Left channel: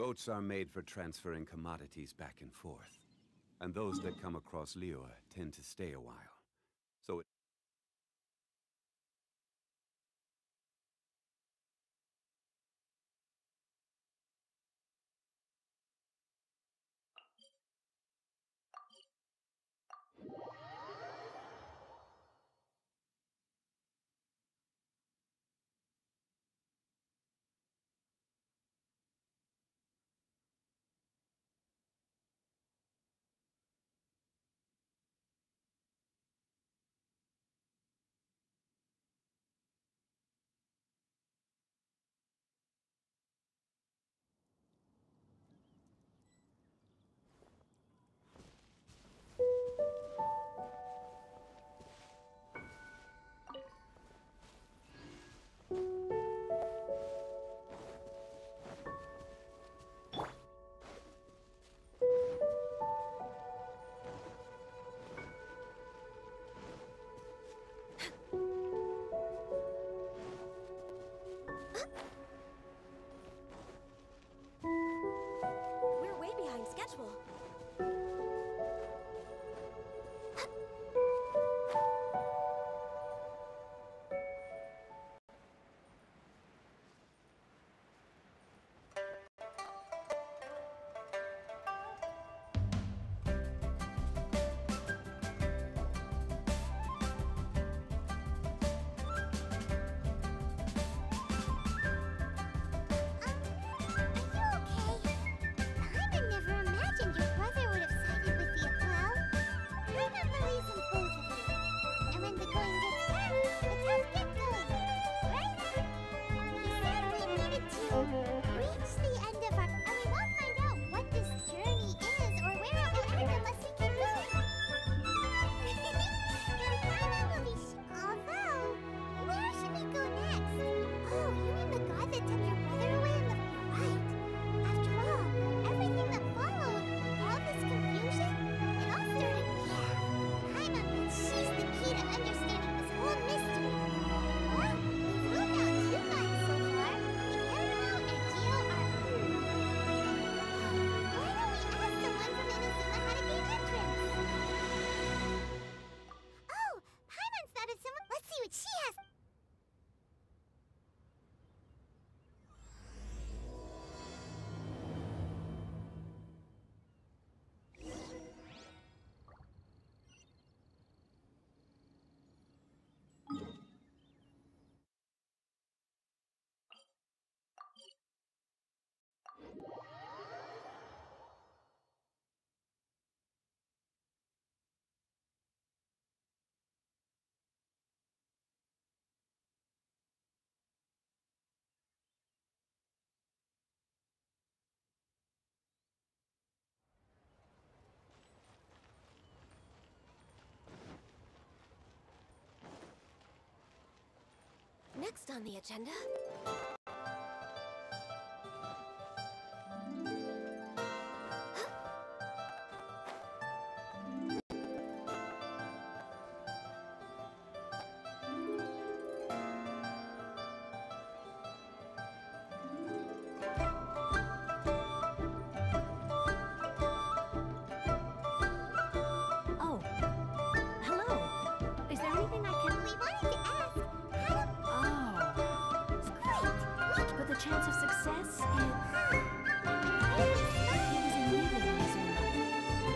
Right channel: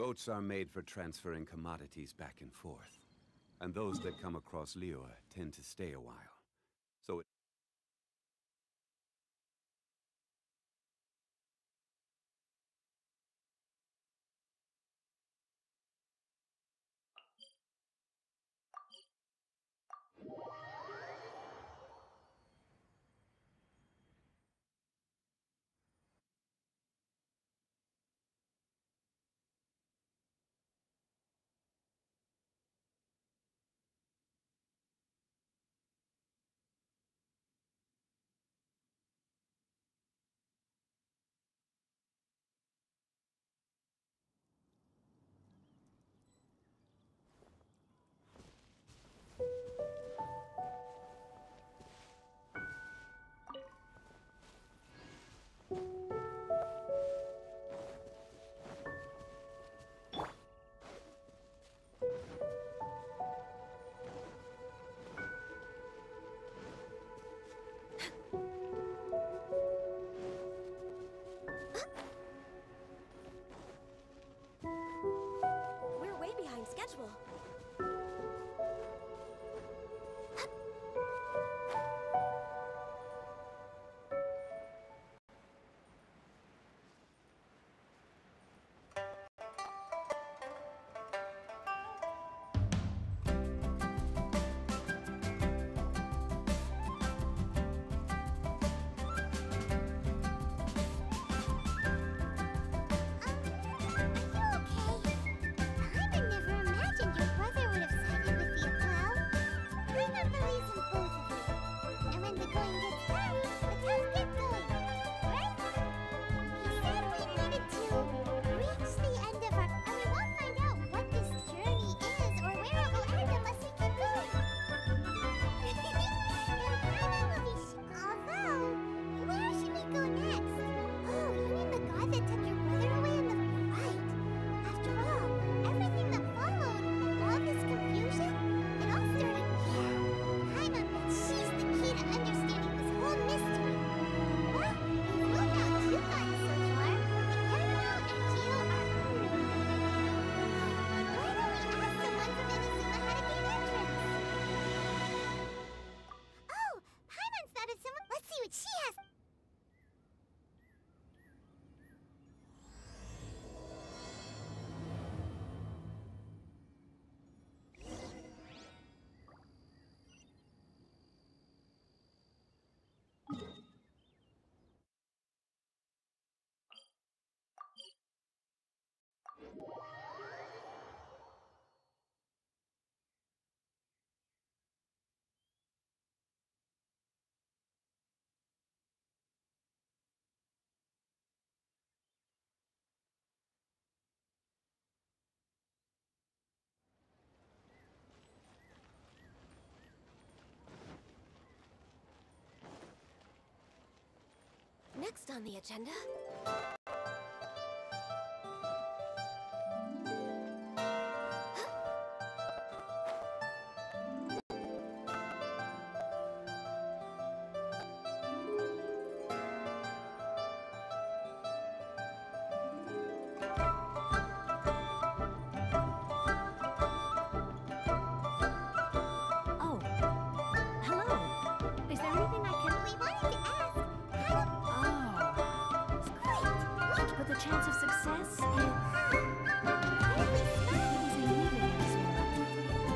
Boats are made for transferring commodities back and forth. And those that come across Liyue tend to stay a while. So we're way behind schedule. Next on the agenda... Oh, hello. Is there anything I can... We wanted to ask how to... Oh. Great! But the chance of success is... Incredibly smart! It was in leaving Inazuma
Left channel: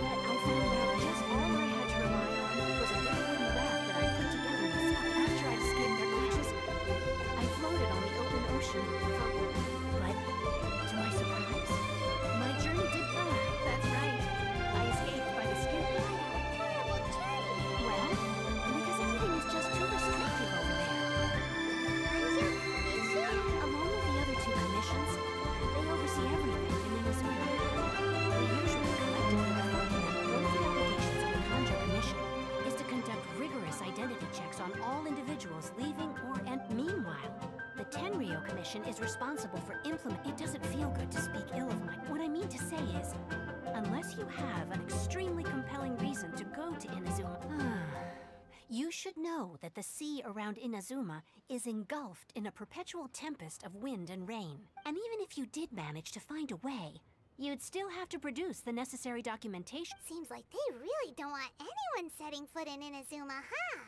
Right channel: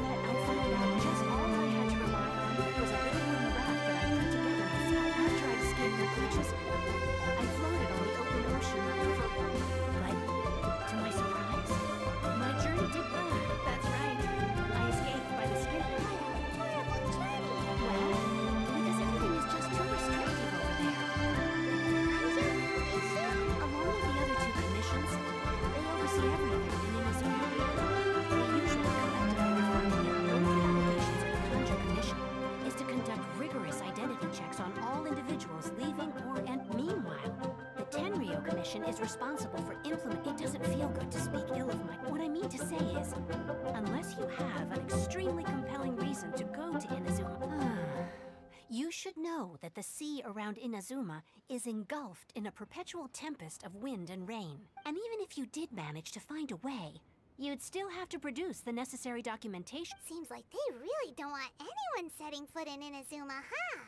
that I found out just all I had to rely on was a little wooden raft that I put together myself. After I'd escaped their clutches, I floated on the open ocean for... But, to my surprise, my journey did... that's right. I escaped by the skin. What a horrible journey! Well, because everything is just too restrictive over there. Anju Commission? Along with the other two commissions, they oversee everything in Inazuma. We usually collectively refer to them. One of the obligations of the Kanjo Commission is to conduct rigorous identity checks on all individuals leaving and meanwhile, the Tenryo Commission is responsible for It doesn't feel good to speak ill of my... What I mean to say is, unless you have an extremely compelling reason to go to Inazuma, You should know that the sea around Inazuma is engulfed in a perpetual tempest of wind and rain. And even if you did manage to find a way, you'd still have to produce the necessary documentation. Seems like they really don't want anyone setting foot in Inazuma, huh?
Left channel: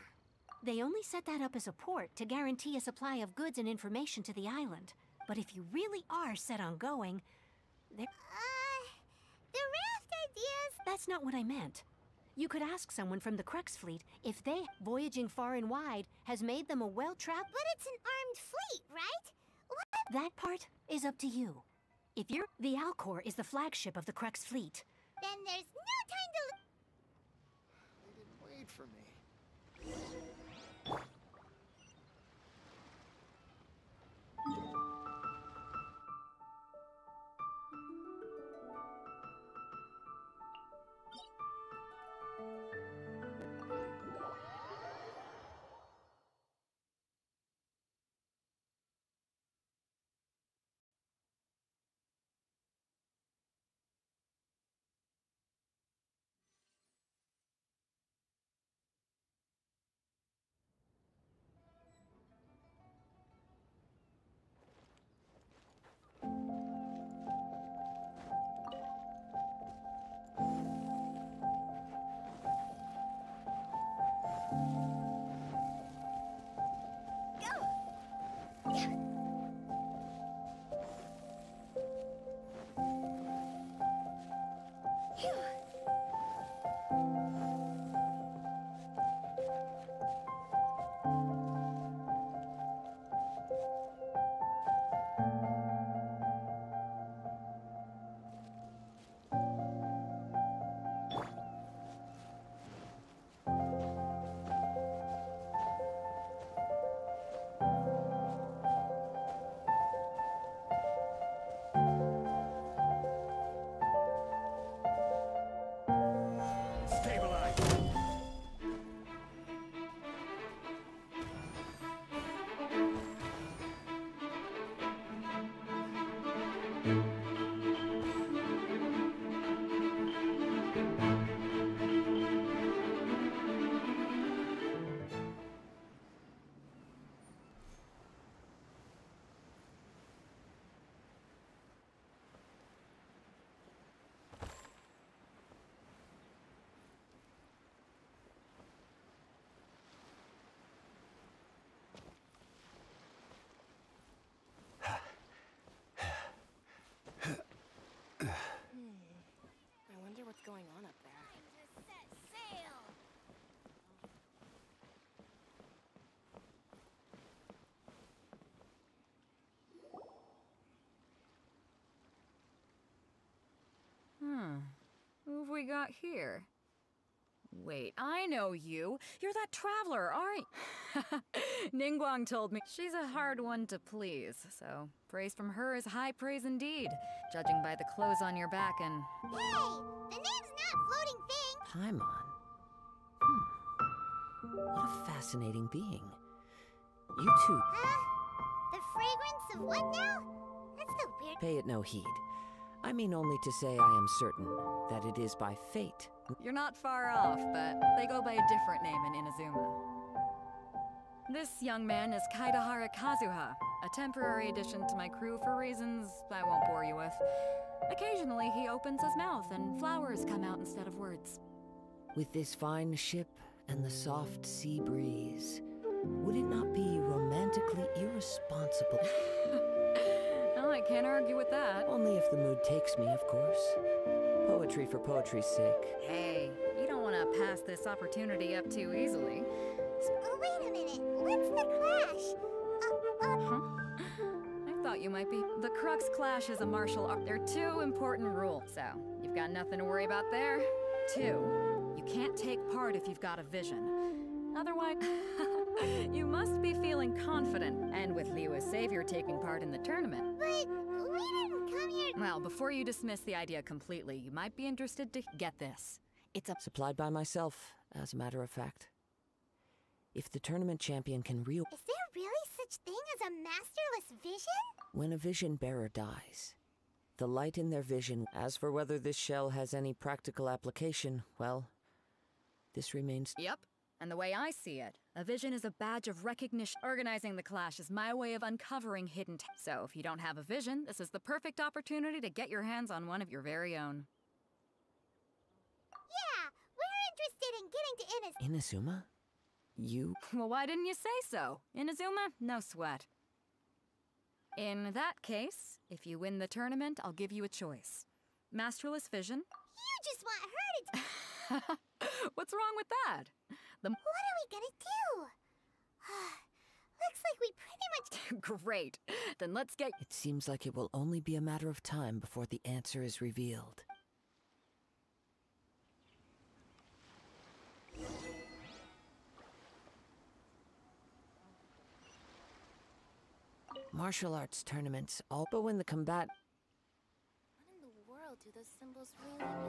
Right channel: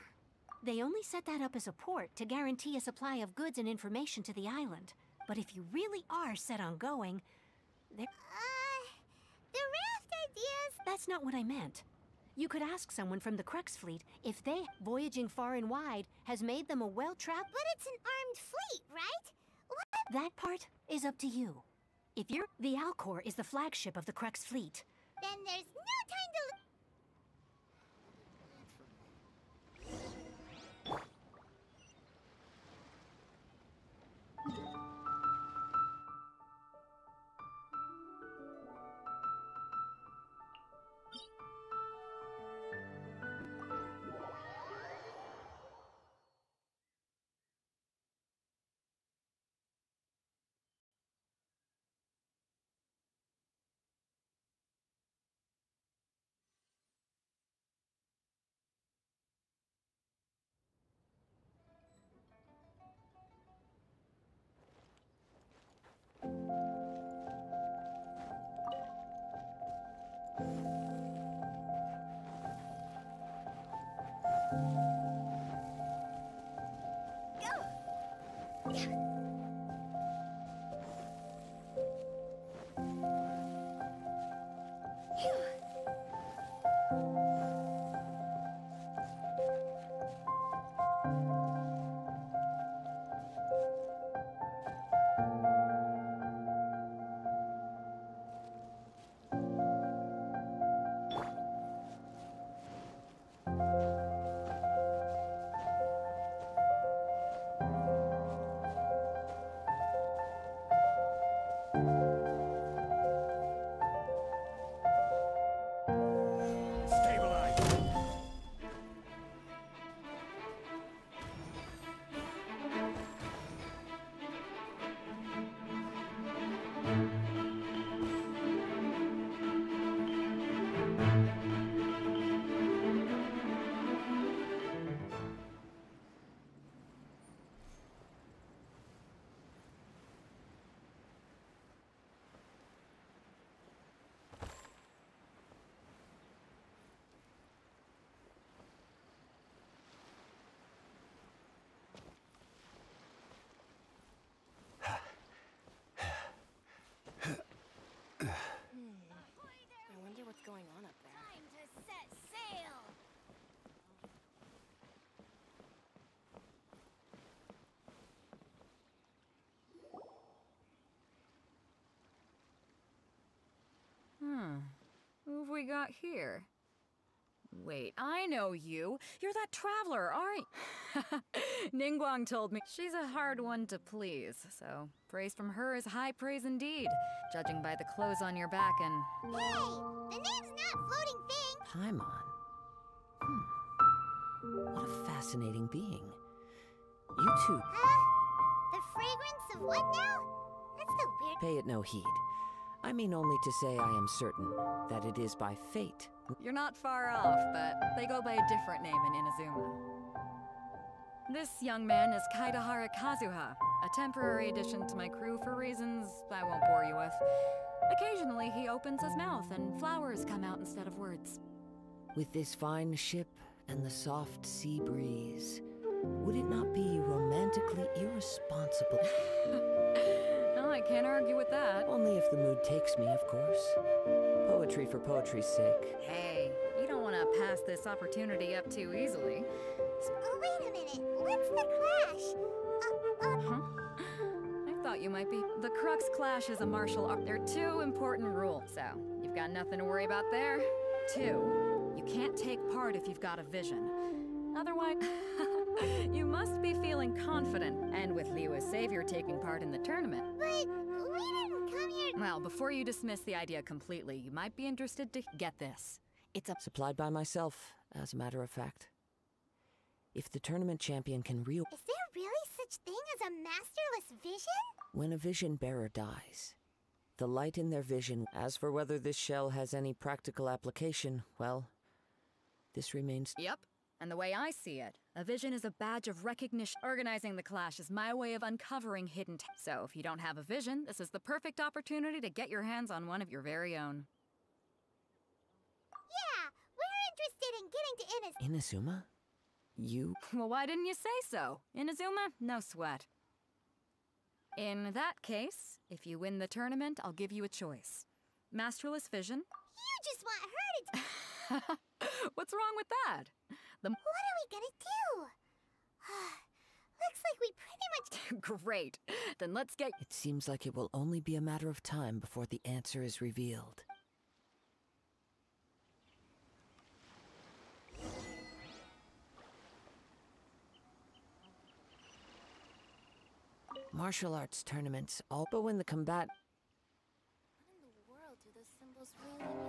They only set that up as a port to guarantee a supply of goods and information to the island. But if you really are set on going, The raft ideas... that's not what I meant. You could ask someone from the Crux fleet if they, voyaging far and wide, has made them a well-trapped... But it's an armed fleet, right? What? That part is up to you. If you're... The Alcor is the flagship of the Crux fleet. Then there's no time to... Wait for me. Stabilize! I wonder what's going on up there. Time to set sail! Who have we got here? Wait, I know you. You're that traveler, aren't you? Ningguang told me she's a hard one to please, so praise from her is high praise indeed, judging by the clothes on your back and... Hey! The name's not Floating Thing! Paimon. What a fascinating being. You two, The fragrance of what now? That's the weird... pay it no heed. I mean only to say I am certain that it is by fate. You're not far off, but they go by a different name in Inazuma. This young man is Kaidahara Kazuha, a temporary addition to my crew for reasons I won't bore you with. Occasionally, he opens his mouth and flowers come out instead of words. With this fine ship and the soft sea breeze, would it not be romantically irresponsible? Well, I can't argue with that. Only if the mood takes me, of course. Poetry for poetry's sake. Hey, you don't want to pass this opportunity up too easily. Oh, wait a minute. What's the clash? Huh? I thought you might be. The Crux Clash is a martial art. There are two important rules, so you've got nothing to worry about there. 2, you can't take part if you've got a vision. Otherwise, you must be feeling confident, and with Liu as savior taking part in the tournament. But we didn't come here... Well, before you dismiss the idea completely, you might be interested to get this. It's a... Supplied by myself, as a matter of fact. If the tournament champion can Is there really such thing as a masterless vision? when a vision bearer dies, the light in their vision... As for whether this shell has any practical application, well, this remains... Yep. And the way I see it, a vision is a badge of recognition. Organizing the clash is my way of uncovering hidden so if you don't have a vision, this is the perfect opportunity to get your hands on one of your very own. Yeah, we're interested in getting to Inazuma? You? Well, why didn't you say so? Inazuma, no sweat. In that case, if you win the tournament, I'll give you a choice. Masterless vision. You just want her to... What's wrong with that? What are we gonna do? Looks like we pretty much... Great. Then let's get... It seems like it will only be a matter of time before the answer is revealed. Martial arts tournaments, all but when the combat... What in the world do those symbols really mean?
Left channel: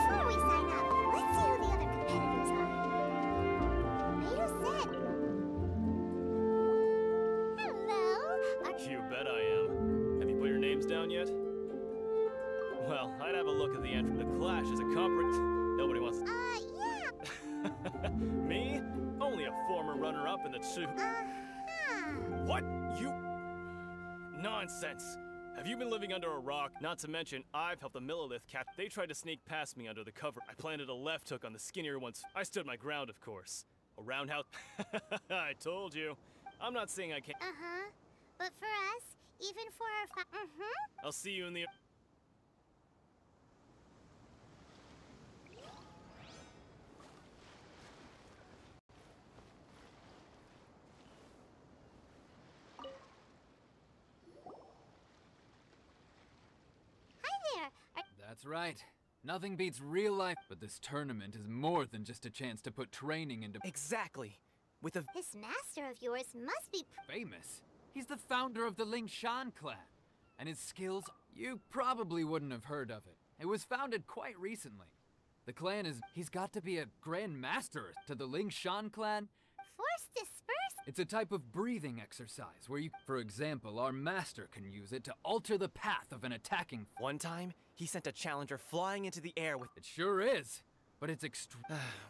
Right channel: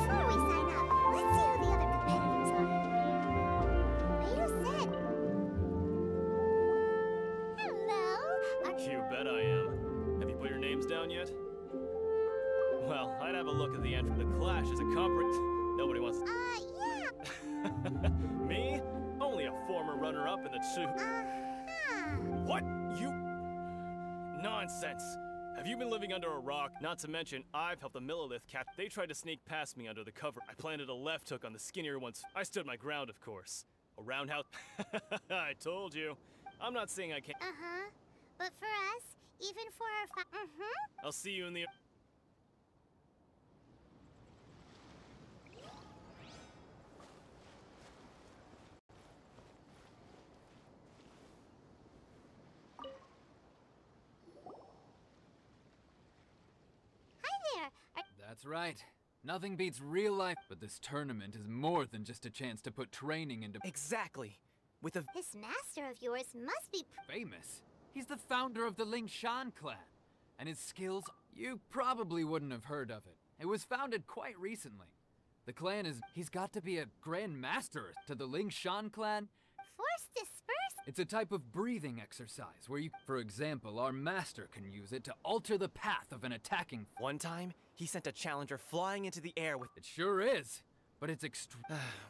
Before we sign up, let's see who the other competitors are. Mayu-san. Hello. You bet I am. Have you put your names down yet? Well, I'd have a look at the entry. The Clash is a Nobody wants. Yeah. Me? Only a former runner-up in the two. What? You? Nonsense. Have you been living under a rock? Not to mention, I've helped the Millilith cat. They tried to sneak past me under the cover. I planted a left hook on the skinnier ones. I stood my ground, of course. A roundhouse. I told you. I'm not saying I can't. But for us, even for our I'll see you in the. Hi there. That's right. Nothing beats real life, but this tournament is more than just a chance to put training into Exactly. With a This master of yours must be famous. He's the founder of the Ling Shan clan, and his skills, you probably wouldn't have heard of it. It was founded quite recently. The clan he's got to be a grand master to the Ling Shan clan. force dispersed. It's a type of breathing exercise where you, for example, our master can use it to alter the path of an attacking. one time, he sent a challenger flying into the air with. It sure is, but it's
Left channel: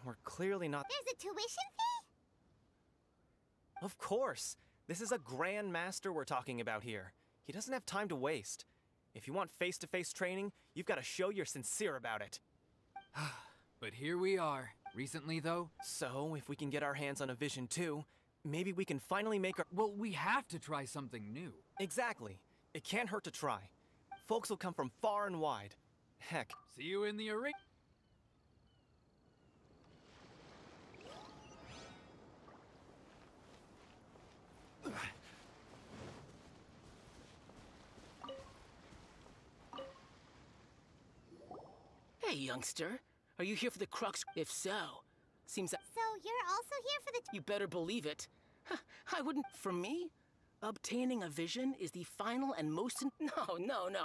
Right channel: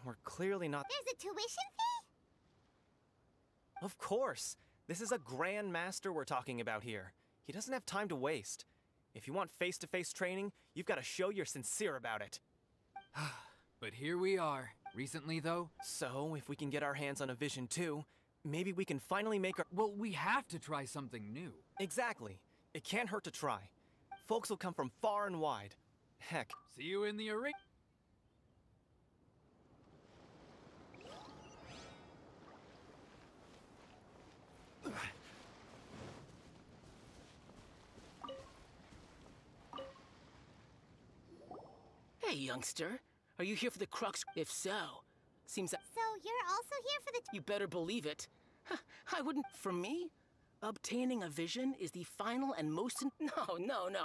We're clearly not. There's a tuition fee? Of course. This is a grand master we're talking about here. He doesn't have time to waste. If you want face-to-face training, you've got to show you're sincere about it. But here we are. Recently, though, So, if we can get our hands on a vision too, maybe we can finally make our. well, we have to try something new. Exactly. It can't hurt to try. Folks will come from far and wide. Heck, See you in the arena. Hey, youngster. Are you here for the Crux? If so, seems that... So you're also here for the... You better believe it. I wouldn't... For me, obtaining a vision is the final and most... No.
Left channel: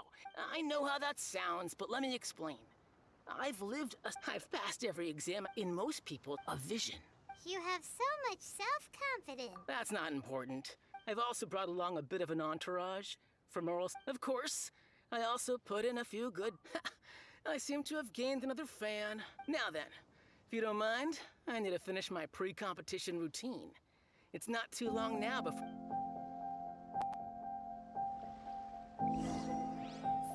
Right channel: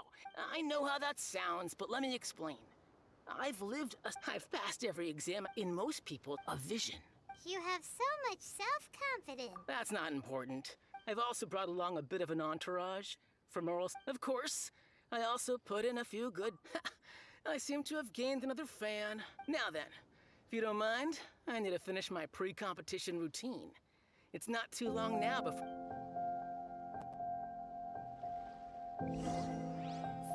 I know how that sounds, but let me explain. I've passed every exam. In most people, a vision. You have so much self-confidence. That's not important. I've also brought along a bit of an entourage. For morals, of course. I also put in a few good... I seem to have gained another fan. Now then, if you don't mind, I need to finish my pre-competition routine. It's not too long now before...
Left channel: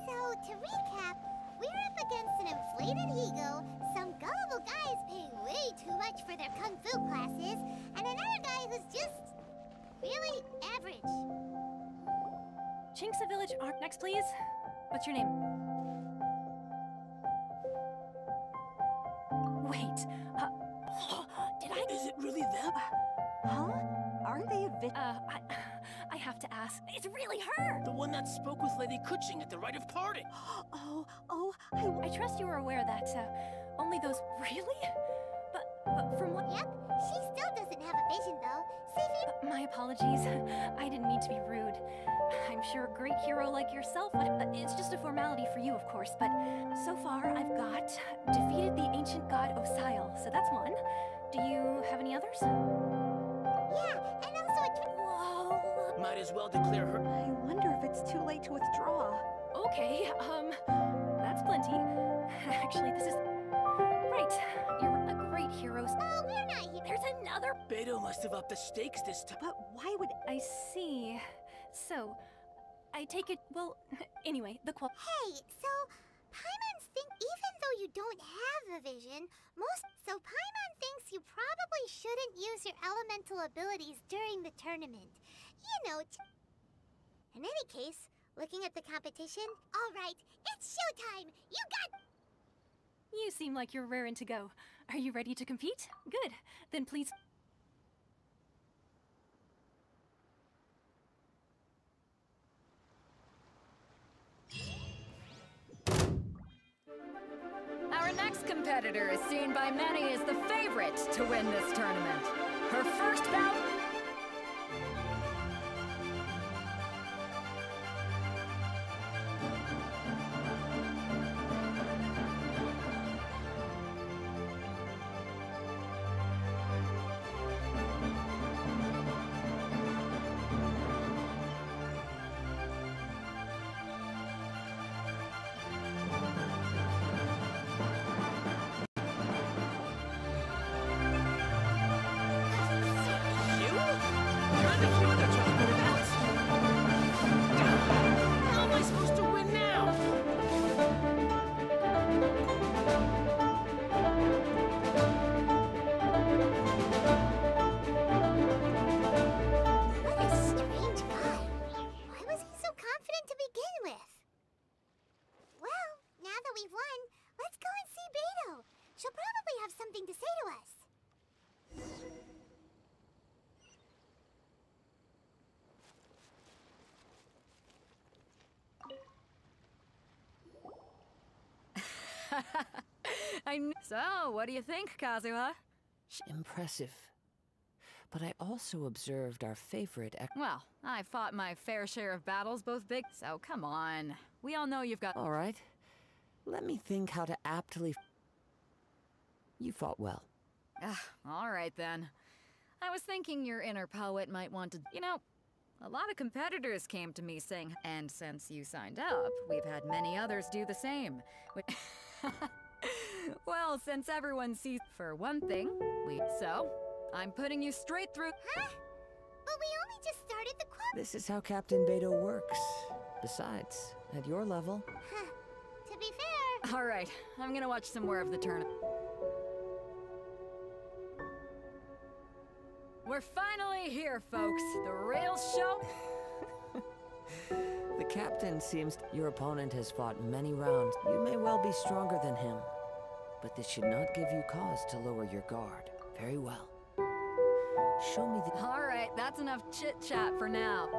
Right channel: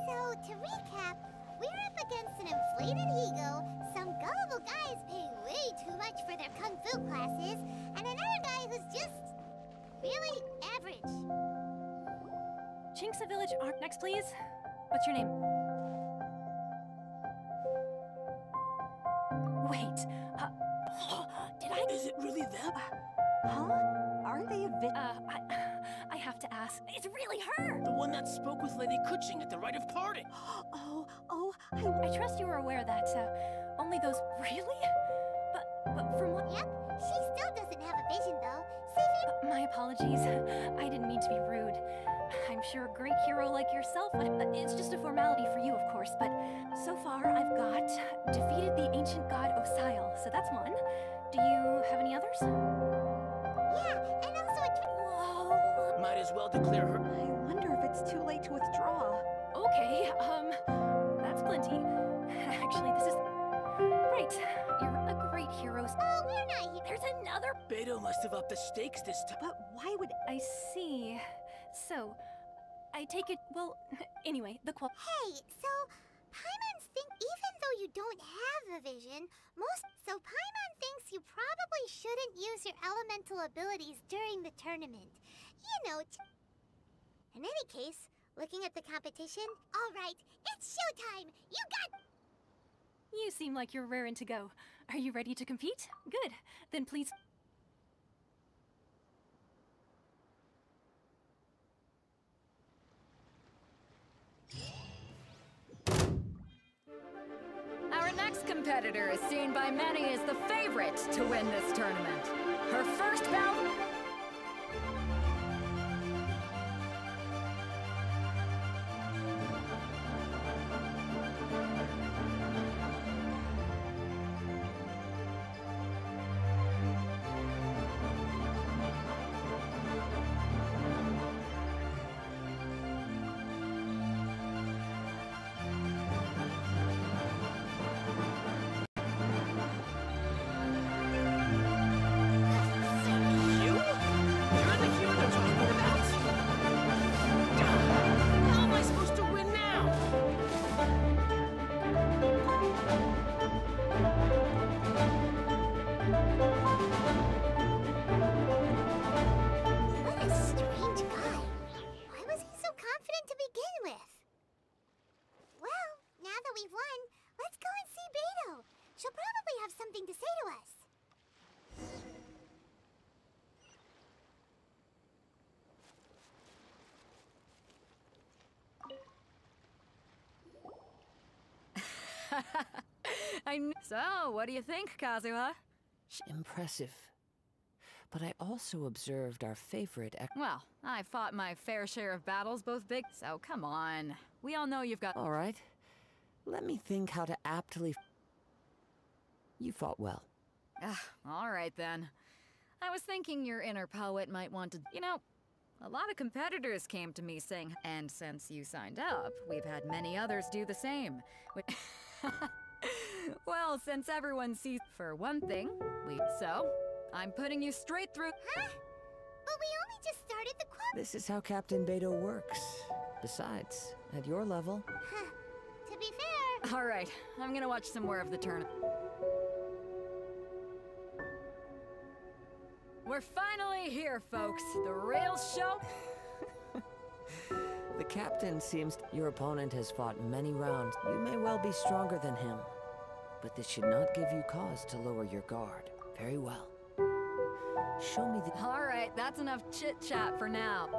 So, to recap, we're up against an inflated ego, some gullible guys paying way too much for their kung fu classes, and another guy who's just... really average. Chinxa Village Arc. Next, please. What's your name? Wait, did I... Is it really them? Huh? Aren't they a I have to ask. It's really her! The one that spoke with Lady Kuching at the rite of parting. I trust you were aware that, only those... Really? But from what... Yep, she still doesn't have a vision, though. Saving... my apologies. I didn't mean to be rude. I'm sure a great hero like yourself would... it's just a formality for you, of course, but so far I've got defeated the ancient god Osile, so that's one. Do you have any others? Yeah, and also a Whoa. Might as well declare her... I wonder if it's too late to withdraw. Okay, that's plenty. Actually, this is... Right, you're a great hero. Oh, we're not here. There's another... Beto must have upped the stakes this time. But why would... I see. So, I take it... Well, anyway, the qual... Hey, so... Paimons think even though you don't have a vision, So Paimon thinks you probably shouldn't use your elemental abilities during the tournament. You know, in any case, looking at the competition... Alright, it's showtime! You got... You seem like you're raring to go. Are you ready to compete? Good. Then please... Our next competitor is seen by many as the favorite to win this tournament. Her first bout... So, what do you think, Kazuha? Impressive. But I also observed our favorite Well, I fought my fair share of battles, both big, so come on. We all know you've got... All right. Let me think how to aptly... You fought well. All right, then. I was thinking your inner poet might want to... You know, a lot of competitors came to me saying... And since you signed up, we've had many others do the same. Well, since everyone sees... For one thing, So, I'm putting you straight through... Huh? But we only just started the This is how Captain Beto works. Besides, at your level... To be fair... All right, I'm gonna watch some more of the tournament. We're finally here, folks. The real show... The captain seems... Your opponent has fought many rounds. You may well be stronger than him. But this should not give you cause to lower your guard. Very well. Show me the... All right, that's enough chit-chat for now.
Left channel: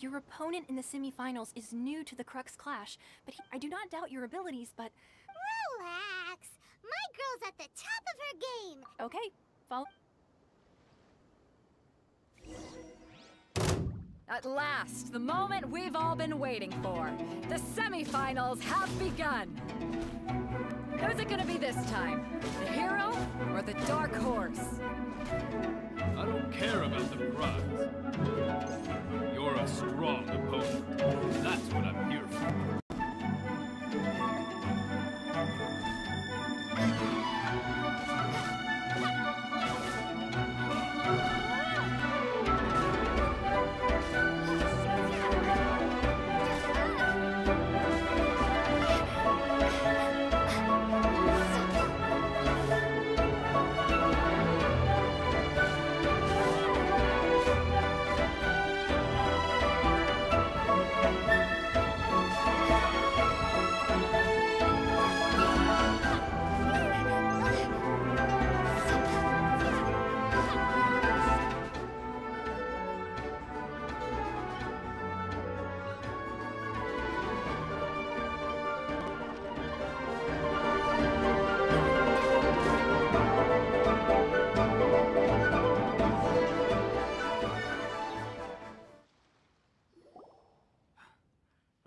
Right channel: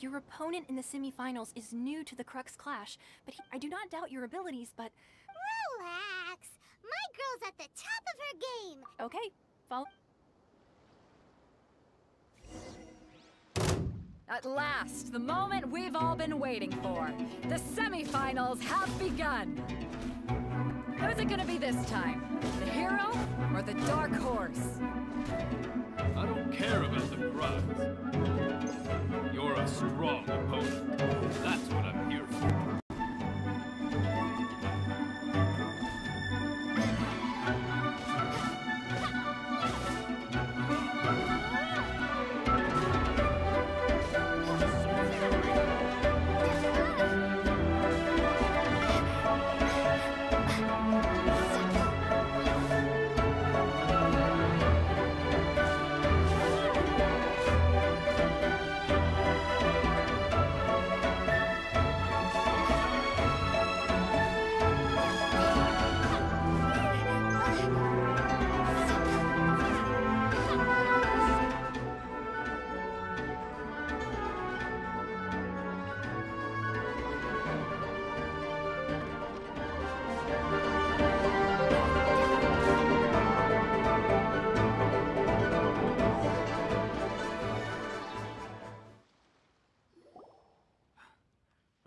Your opponent in the semifinals is new to the Crux Clash, but I do not doubt your abilities, but... Relax. My girl's at the top of her game. Okay, follow... At last, the moment we've all been waiting for. The semifinals have begun. Who's it gonna be this time? The hero or the dark horse? I don't care about the prize. You're a strong opponent. That's what I'm here for.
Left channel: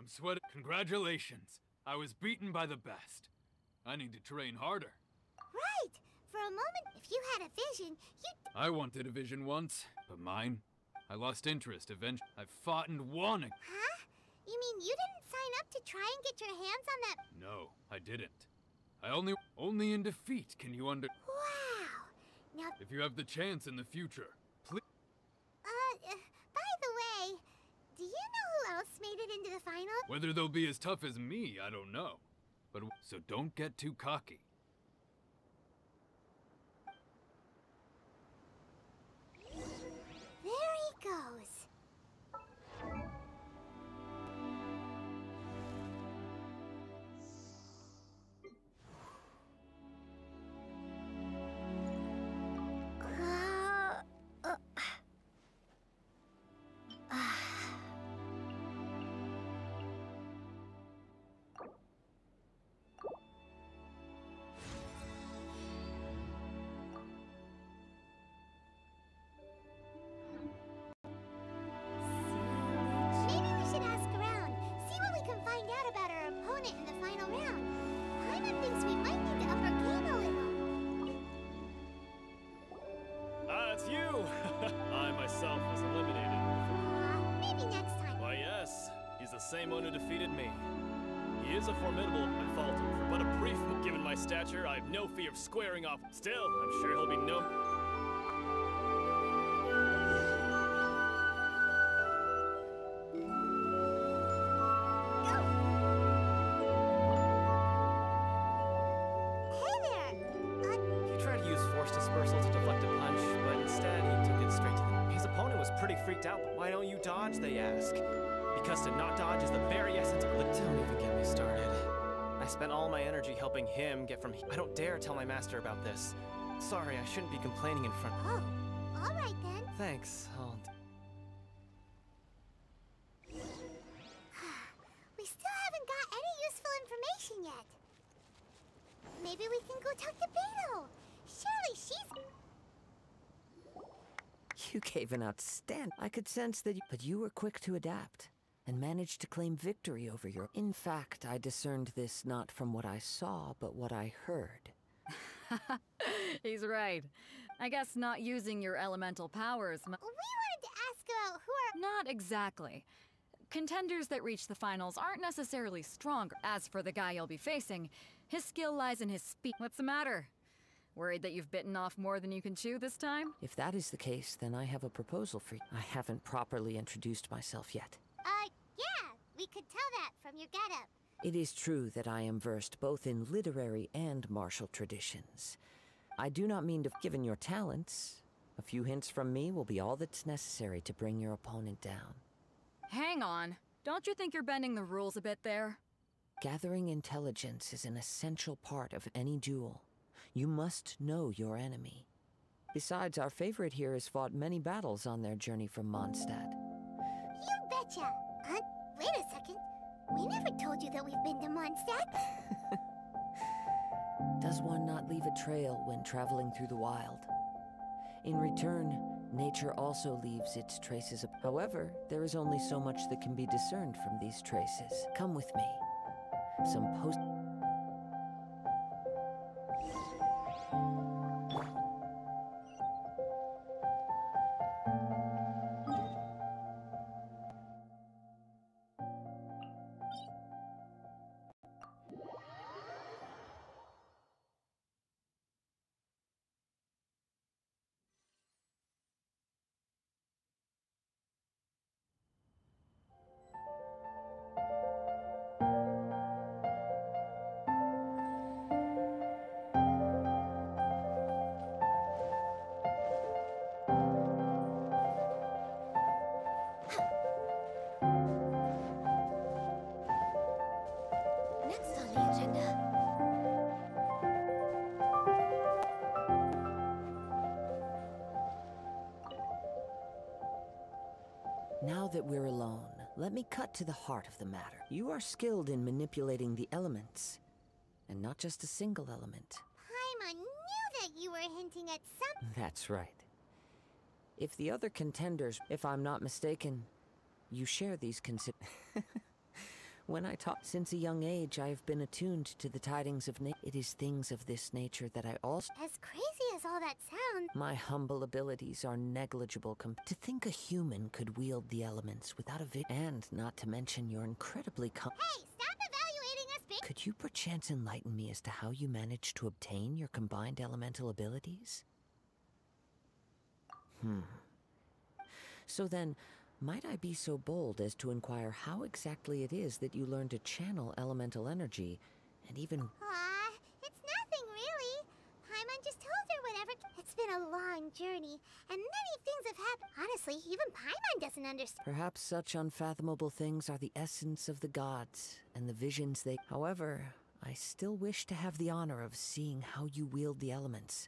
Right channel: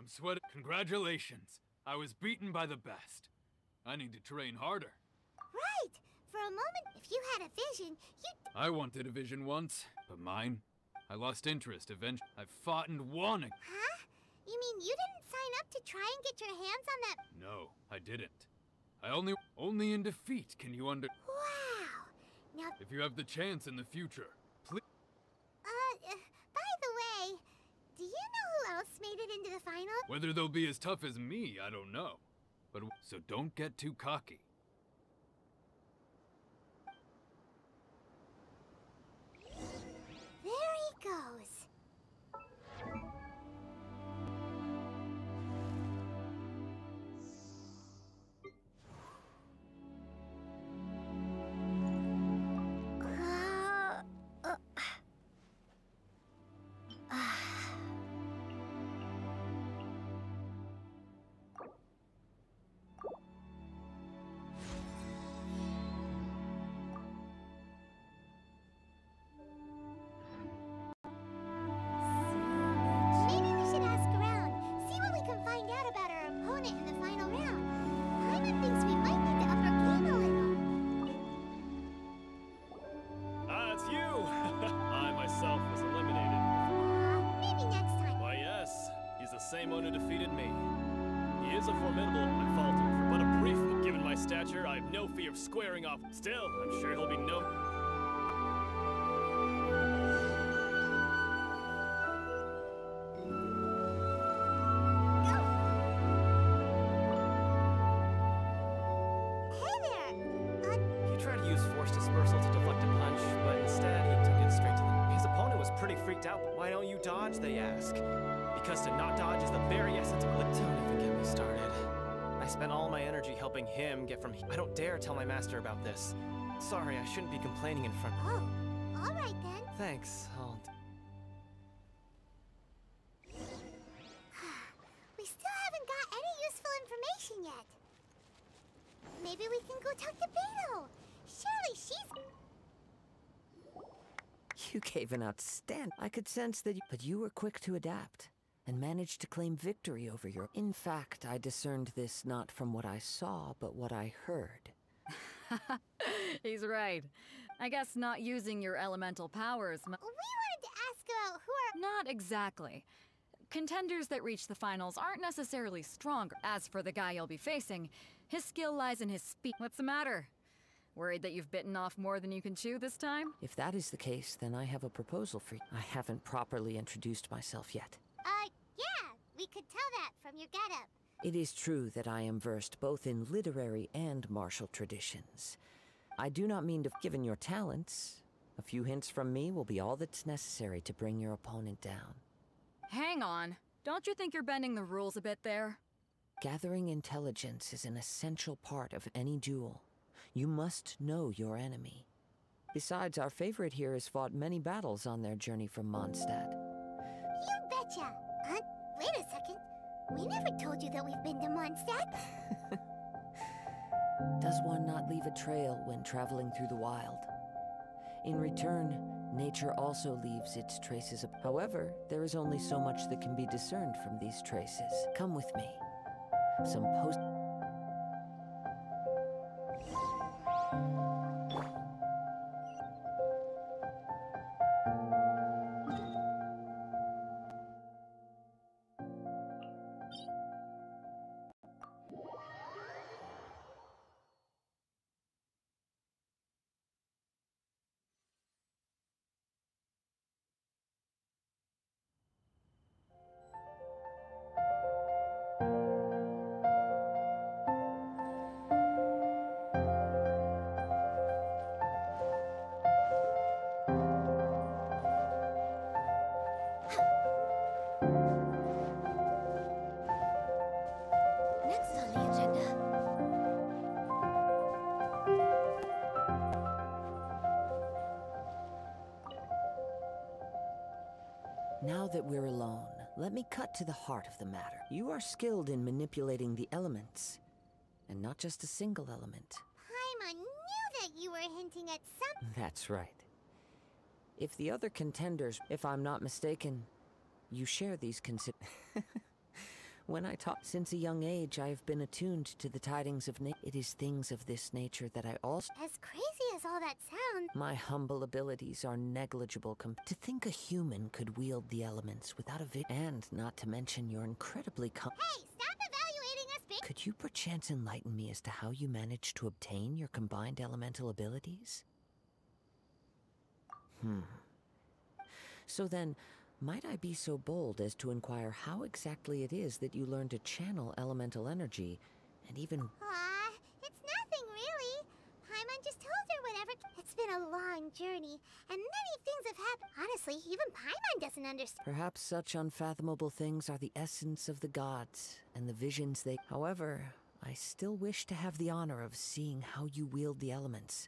Sweat. Congratulations. I was beaten by the best. I need to train harder. Right. For a moment, if you had a vision, you'd... I wanted a vision once, but mine? I lost interest eventually. I fought and won. Huh? You mean you didn't sign up to try and get your hands on that... No, I didn't. I only in defeat can you Wow. Now... If you have the chance in the future, please... by the way, do you know who else made it into the final? Whether they'll be as tough as me, I don't know. But so don't get too cocky. There he goes. Same one who defeated me. He is a formidable, I faltered, for but a brief, given my stature, I have no fear of squaring off. Still, I'm sure he'll be no... Hey there! He tried to use force dispersal to deflect a punch, but instead he took it straight to the... His opponent was pretty freaked out. Why don't you dodge, they ask. Because to not dodge is the very essence of... Don't even get me started. I spent all my energy helping him get from... I don't dare tell my master about this. Sorry, I shouldn't be complaining in front... Oh, all right then. Thanks, We still haven't got any useful information yet. Maybe we can go talk to Beto. Surely she's... You gave an outstanding... I could sense that but you were quick to adapt and managed to claim victory over your... In fact, I discerned this not from what I saw, but what I heard. He's right. I guess not using your elemental powers... We wanted to ask about who are... Not exactly. Contenders that reach the finals aren't necessarily stronger. As for the guy you'll be facing, his skill lies in his speed. What's the matter? Worried that you've bitten off more than you can chew this time? If that is the case, then I have a proposal for you. I haven't properly introduced myself yet. Yeah, we could tell that from your getup. It is true that I am versed both in literary and martial traditions. I do not mean to... Given your talents, a few hints from me will be all that's necessary to bring your opponent down. Hang on. Don't you think you're bending the rules a bit there? Gathering intelligence is an essential part of any duel. You must know your enemy. Besides, our favorite here has fought many battles on their journey from Mondstadt. You betcha! We never told you that we've been to Mondstadt. Does one not leave a trail when traveling through the wild? In return, nature also leaves its traces. However, there is only so much that can be discerned from these traces. Come with me. Some post... Next on the agenda. Now that we're alone, let me cut to the heart of the matter. You are skilled in manipulating the elements, and not just a single element. Paimon knew that you were hinting at some... That's right. If the other contenders, if I'm not mistaken, you share these When I talk, since a young age, I have been attuned to the tidings of It is things of this nature that I also... As crazy as all that sounds... My humble abilities are negligible to think a human could wield the elements without a and not to mention your incredibly Hey, stop evaluating us, bitch! Could you perchance enlighten me as to how you managed to obtain your combined elemental abilities? So then, might I be so bold as to inquire how exactly it is that you learned to channel elemental energy, and even... It's nothing, really. Paimon just told her whatever... It's been a long journey, and many things have happened. Honestly, even Paimon doesn't understand. Perhaps such unfathomable things are the essence of the gods, and the visions they... However, I still wish to have the honor of seeing how you wield the elements.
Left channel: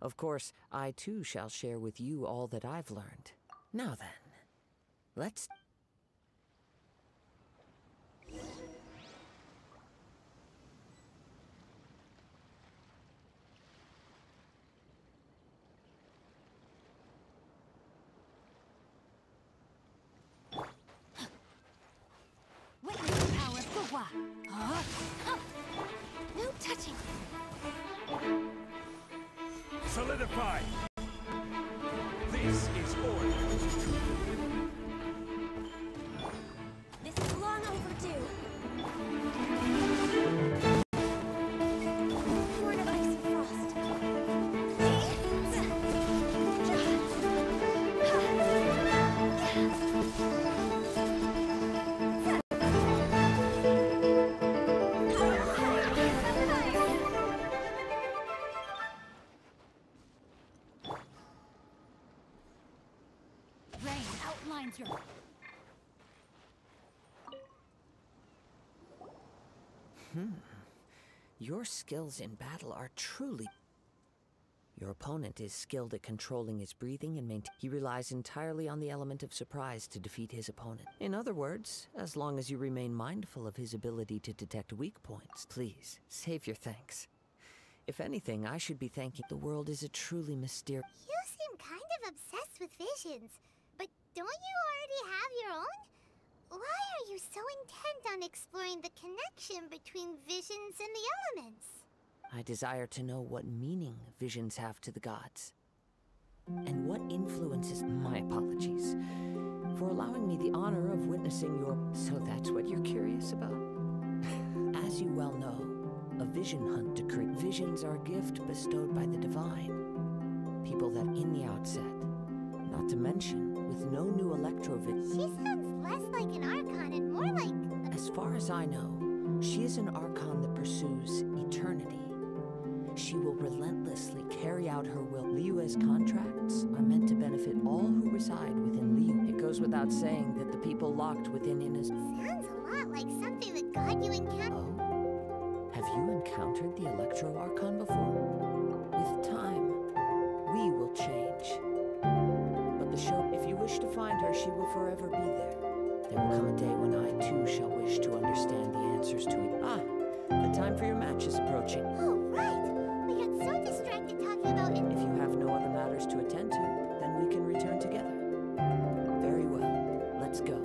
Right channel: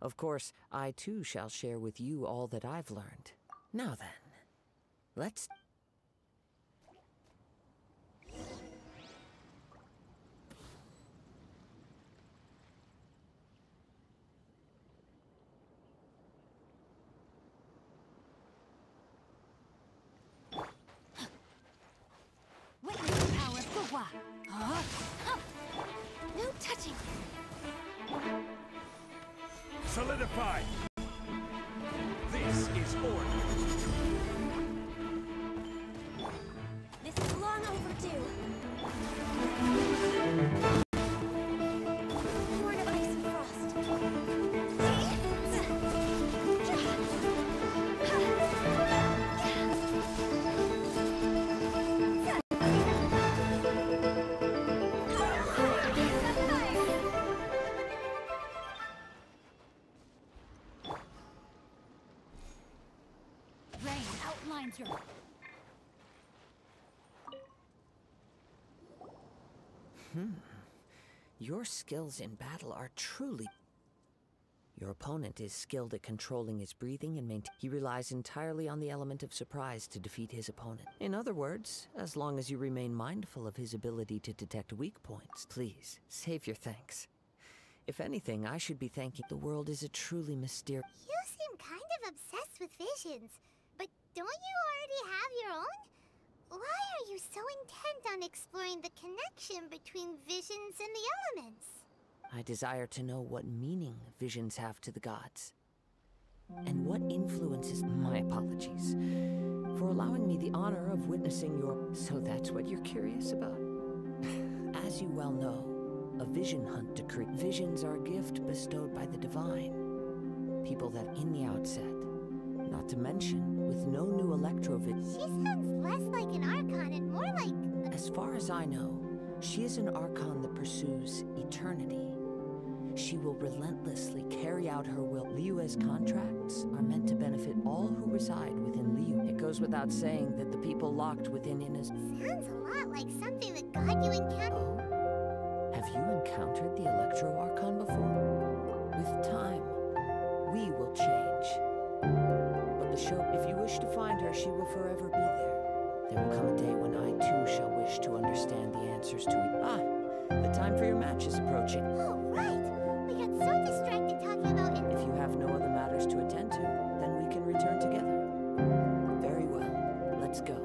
Of course, I too shall share with you all that I've learned. Now then, let's... Witness the power of Guhua. No touching. Solidify! This is order. This is long overdue. Born of ice and frost. Rain outlines your... Your skills in battle are truly... Your opponent is skilled at controlling his breathing and he relies entirely on the element of surprise to defeat his opponent. In other words, as long as you remain mindful of his ability to detect weak points, please, save your thanks. If anything, I should be thanking... The world is a truly mysterious... You seem kind of obsessed with visions, but don't you already have your own? Why are you so intent on exploring the connection between visions and the elements? I desire to know what meaning visions have to the gods. And what influences... My apologies for allowing me the honor of witnessing your... So that's what you're curious about? As you well know, a vision hunt decree. Visions are a gift bestowed by the divine. People that in the outset, not to mention, with no new electrovid... She sounds less like an Archon and more like... As far as I know, she is an Archon that pursues eternity. She will relentlessly carry out her will. Liyue's contracts are meant to benefit all who reside within Liyue. It goes without saying that the people locked within Ina's... Sounds a lot like something that God you encountered... Oh? Have you encountered the Electro Archon before? With time, we will change. But the show... If you wish to find her, she will forever be there. There will come a day when I too shall wish to understand the answers to it. Ah, the time for your match is approaching. Oh, right! We got so distracted talking about it. If you have no other matters to attend to, then we can return together. Very well. Let's go.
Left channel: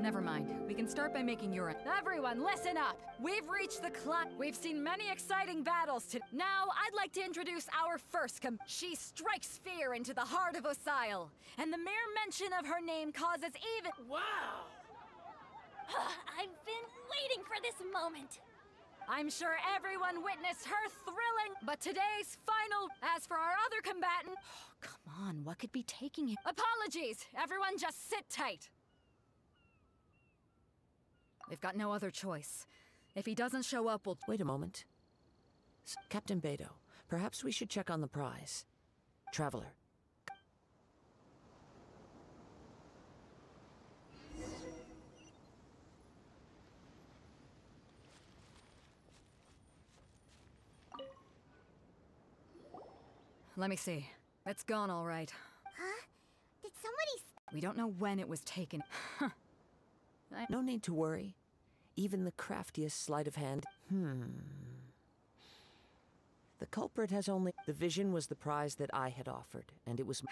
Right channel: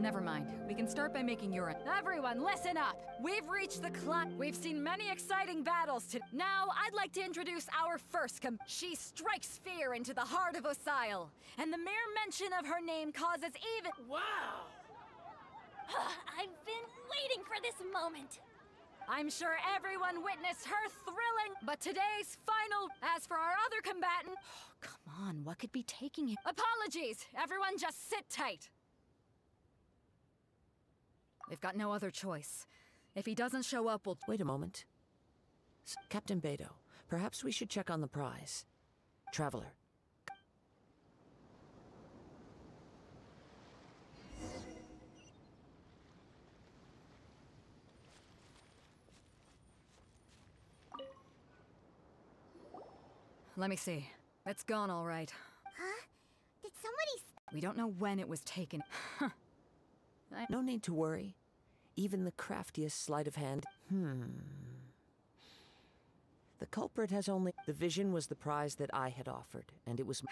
Never mind. We can start by making urine. Everyone, listen up! We've reached the We've seen many exciting battles today. Now, I'd like to introduce our first She strikes fear into the heart of Osile, and the mere mention of her name causes even— Wow! I've been waiting for this moment. I'm sure everyone witnessed her thrilling— But today's final— As for our other combatant— Come on, what could be taking him? Apologies! Everyone just sit tight. We've got no other choice. If he doesn't show up, we'll— Wait a moment. Captain Beidou, perhaps we should check on the prize. Traveler. Let me see. It's gone all right. Huh? Did somebody... We don't know when it was taken. No need to worry. Even the craftiest sleight of hand... The culprit has only... The vision was the prize that I had offered, and it was...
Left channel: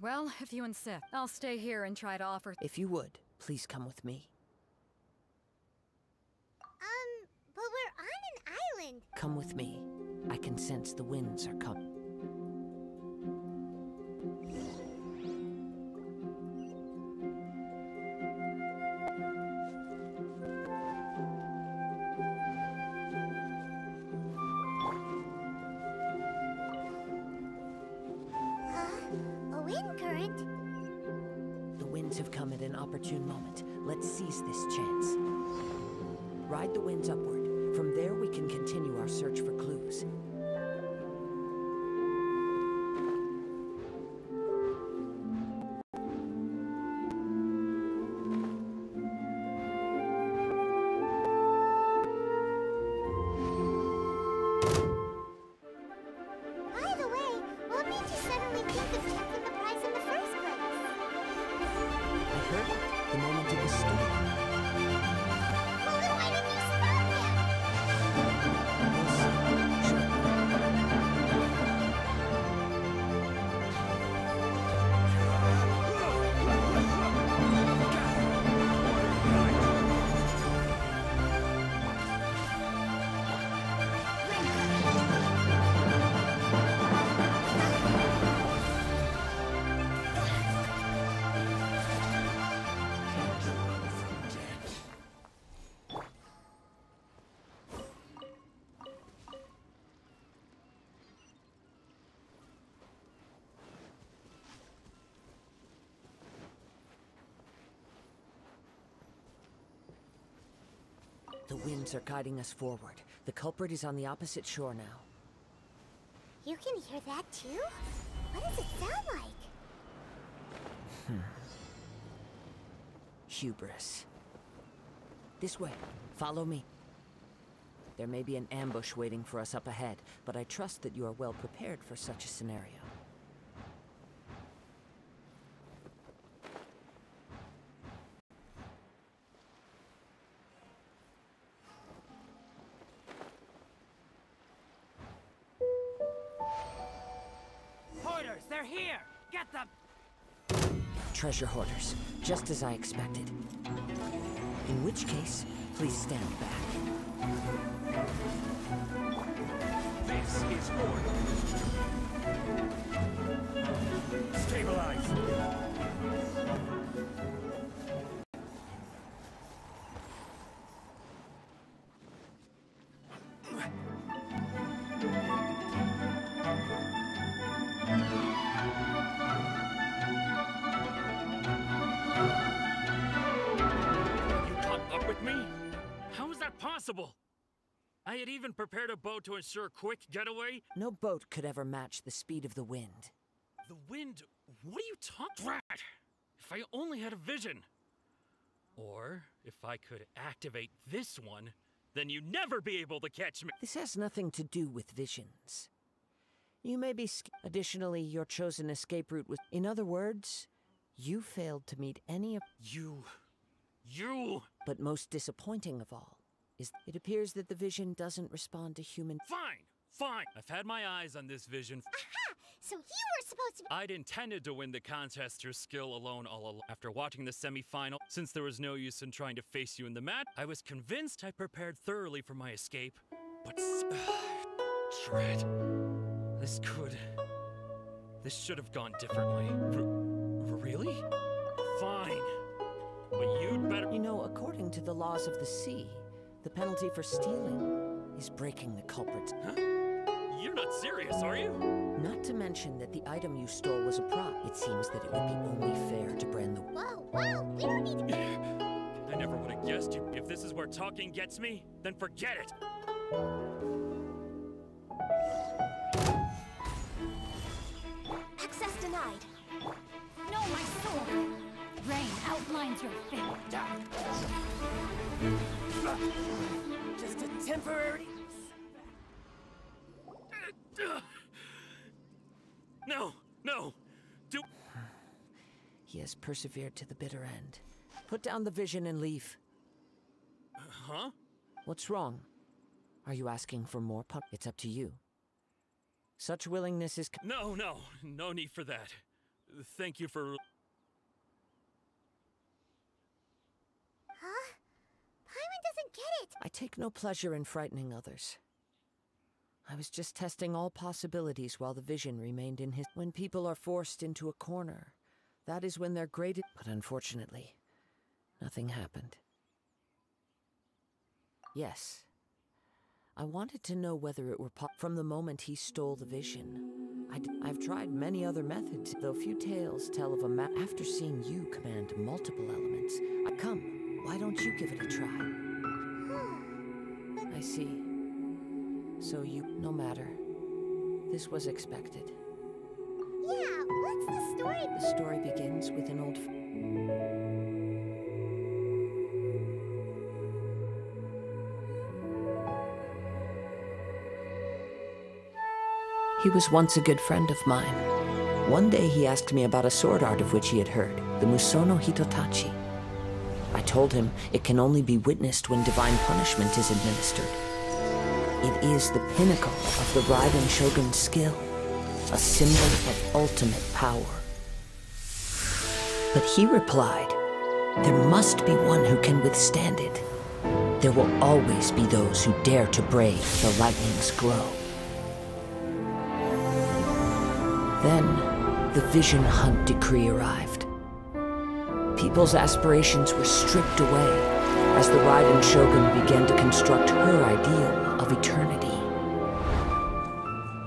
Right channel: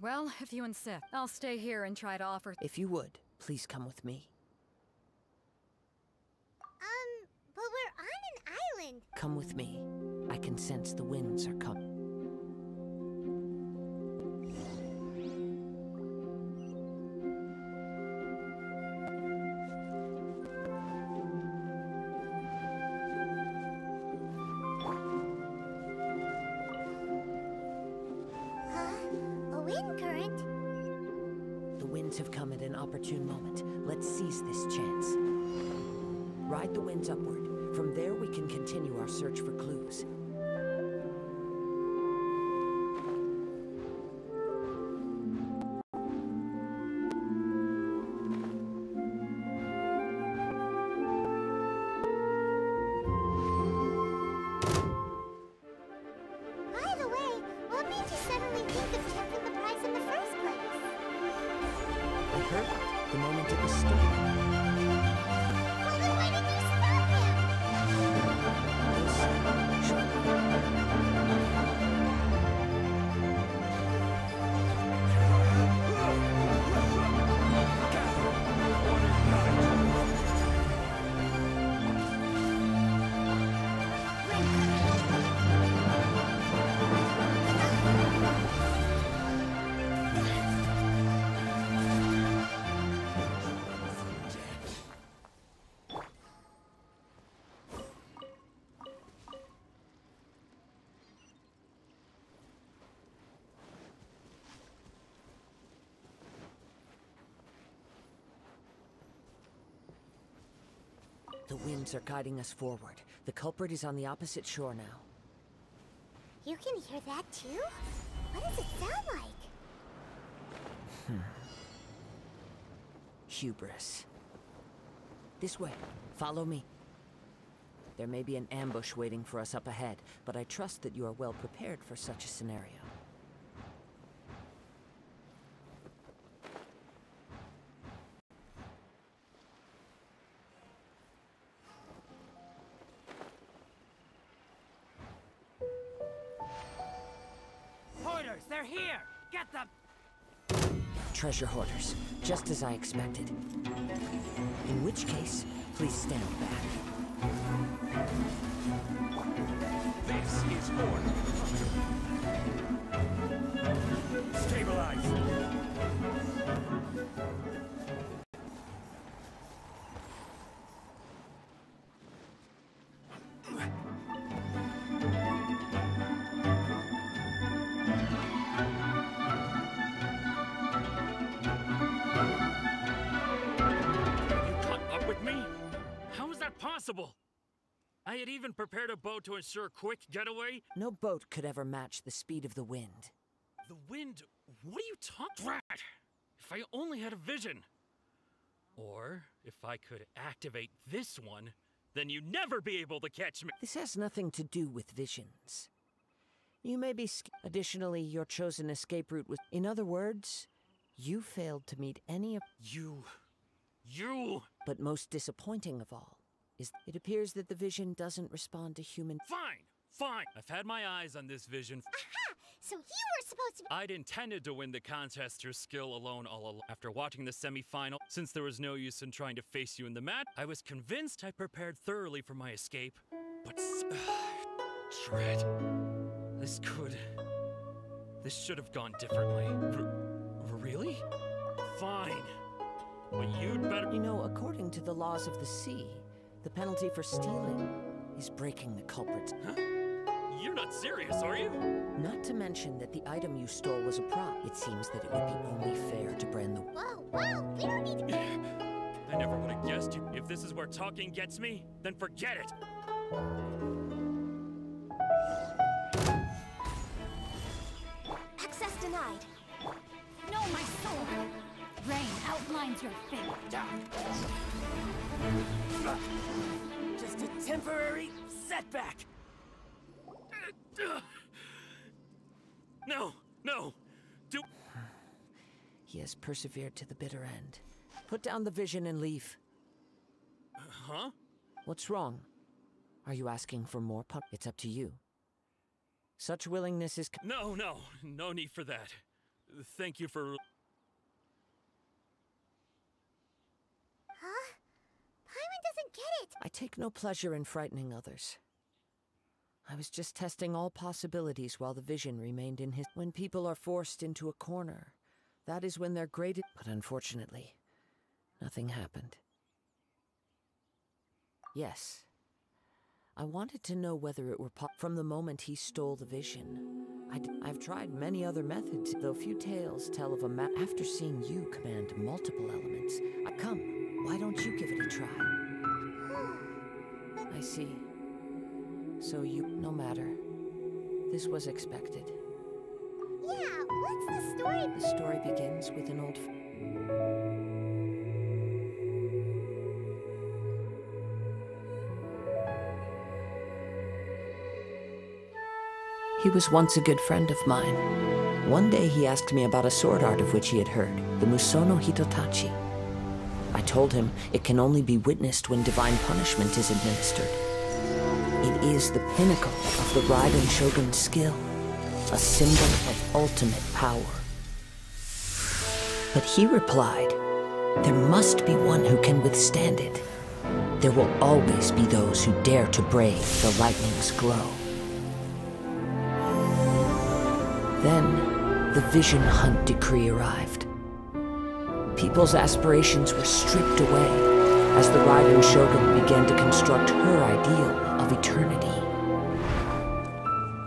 Well, if you insist, I'll stay here and try to offer... If you would, please come with me. But we're on an island. Come with me. I can sense the winds are coming. Have come at an opportune moment. Let's seize this chance. Ride the winds upward. From there we can continue our search for clues. By the way, what made you suddenly think of taking the prize in the first place? I heard it the moment it was stolen. Well, then why didn't you stop him? You'll see shortly. The winds are guiding us forward. The culprit is on the opposite shore now. You can hear that too? What does it sound like? Hubris. This way. Follow me. There may be an ambush waiting for us up ahead, but I trust that you are well prepared for such a scenario. Hoarders, they're here! Get them! Treasure hoarders, just as I expected. In which case, please stand back. This is order. Stabilize! Possible. I had even prepared a boat to ensure a quick getaway. No boat could ever match the speed of the wind. The wind What are you talking about? If I only had a vision. Or, if I could activate this one, then you'd never be able to catch me. This has nothing to do with visions. You may be additionally, your chosen escape route was... In other words, you failed to meet any of... You... But most disappointing of all is it appears that the vision doesn't respond to human... Fine. I've had my eyes on this vision. Aha! So you were supposed to... I'd intended to win the contest through skill alone all along. After watching the semi-final, since there was no use in trying to face you in the match, I was convinced I prepared thoroughly for my escape. But... Dread... This should have gone differently. Really? Fine. But you'd better... You know, according to the laws of the sea, the penalty for stealing is breaking the culprit. Huh? You're not serious, are you? Not to mention that the item you stole was a prop. It seems that it would be only fair to brand the... Whoa, we don't need to... I never would have guessed you. If this is where talking gets me, then forget it. Access denied. No, my sword! Rain outlines your fate. Just a temporary setback. No! He has persevered to the bitter end. Put down the vision and leave. Huh? What's wrong? Are you asking for more punishment? It's up to you. Such willingness is... No need for that. Thank you for... Huh? Paimon doesn't get it! I take no pleasure in frightening others. I was just testing all possibilities while the vision remained in his... When people are forced into a corner, that is when they're greatest... But unfortunately, nothing happened. Yes. I wanted to know whether it were from the moment he stole the vision. I've tried many other methods, though few tales tell of a after seeing you command multiple elements. Come, why don't you give it a try? I see. So you... No matter. This was expected. Yeah, what's the story? The story begins with an old... He was once a good friend of mine. One day he asked me about a sword art of which he had heard, the Musono Hitotachi. I told him it can only be witnessed when divine punishment is administered. It is the pinnacle of the Raiden Shogun's skill, a symbol of ultimate power. But he replied, there must be one who can withstand it. There will always be those who dare to brave the lightning's glow. Then, the Vision Hunt decree arrived. People's aspirations were stripped away as the Raiden Shogun began to construct her ideal of eternity.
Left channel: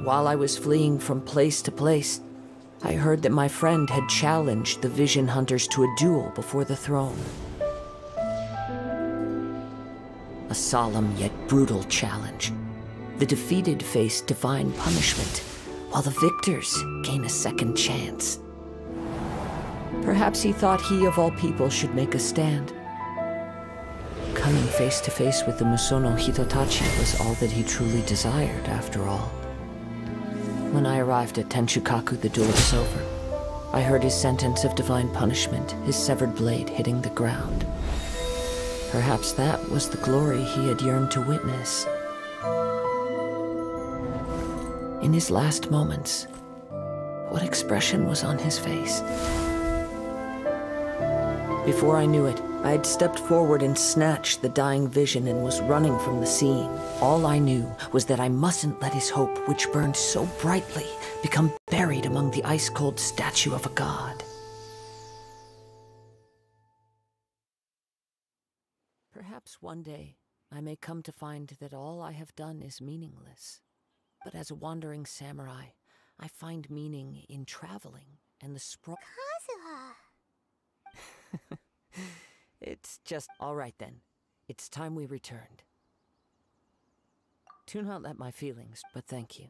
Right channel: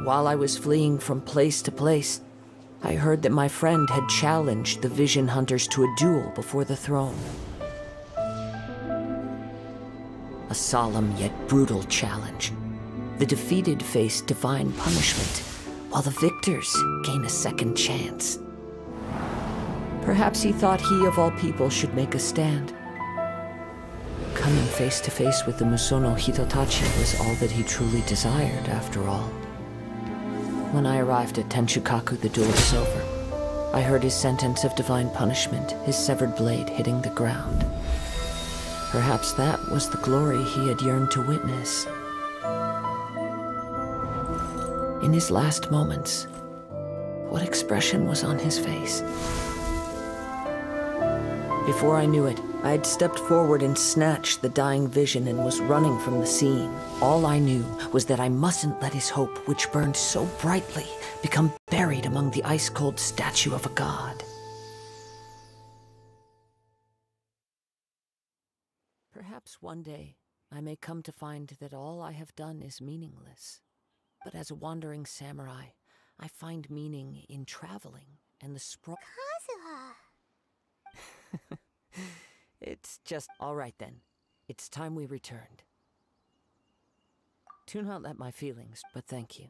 While I was fleeing from place to place, I heard that my friend had challenged the Vision Hunters to a duel before the throne. A solemn yet brutal challenge. The defeated face divine punishment, while the victors gain a second chance. Perhaps he thought he of all people should make a stand. Coming face to face with the Musono Hitotachi was all that he truly desired, after all. When I arrived at Tenshukaku, the duel was over. I heard his sentence of divine punishment, his severed blade hitting the ground. Perhaps that was the glory he had yearned to witness. In his last moments, what expression was on his face? Before I knew it, I had stepped forward and snatched the dying vision and was running from the scene. All I knew was that I mustn't let his hope, which burned so brightly, become buried among the ice-cold statue of a god. Perhaps one day, I may come to find that all I have done is meaningless. But as a wandering samurai, I find meaning in traveling and the Kazuha! It's just... All right then. It's time we returned. Do not let my feelings, but thank you.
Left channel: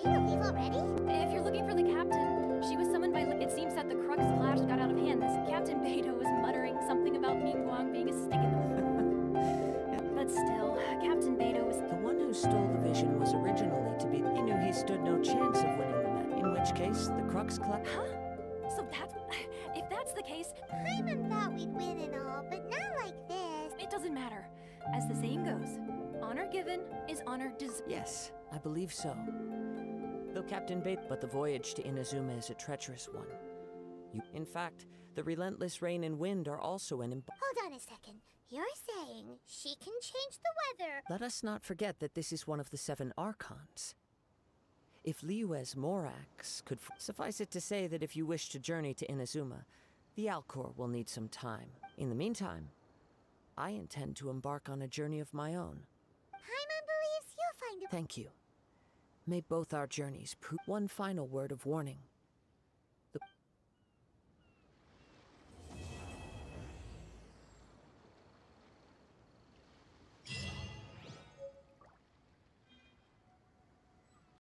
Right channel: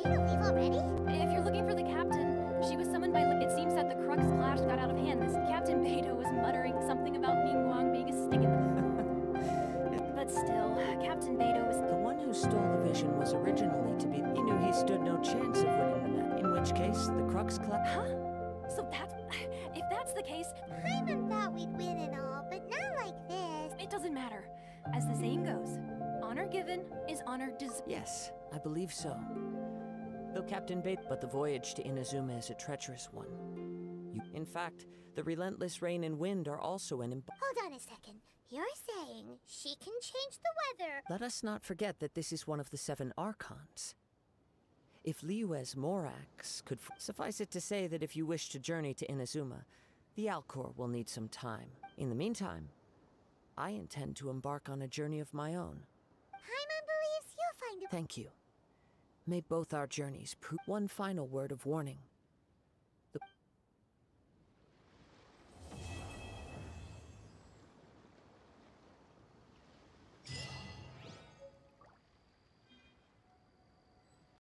Beidou leave already? If you're looking for the captain, she was summoned by... It seems that the Crux clash got out of hand. This Captain Beidou was muttering something about Ningguang being a stick in the... But still, Captain Beidou was... The one who stole the vision was originally to be... He knew he stood no chance of winning the match. In which case, the Crux clash... Huh? So that's... If that's the case... Paimon thought we'd win and all, but not like this. It doesn't matter. As the saying goes, honor given is honor deserved. Yes, I believe so. Though Captain Bait, but the voyage to Inazuma is a treacherous one. In fact, the relentless rain and wind are also an Hold on a second. You're saying she can change the weather? Let us not forget that this is one of the 7 Archons. If Liyue's Morax could... Suffice it to say that if you wish to journey to Inazuma, the Alcor will need some time. In the meantime, I intend to embark on a journey of my own. Paimon believes you'll find a... Thank you. May both our journeys prove... One final word of warning.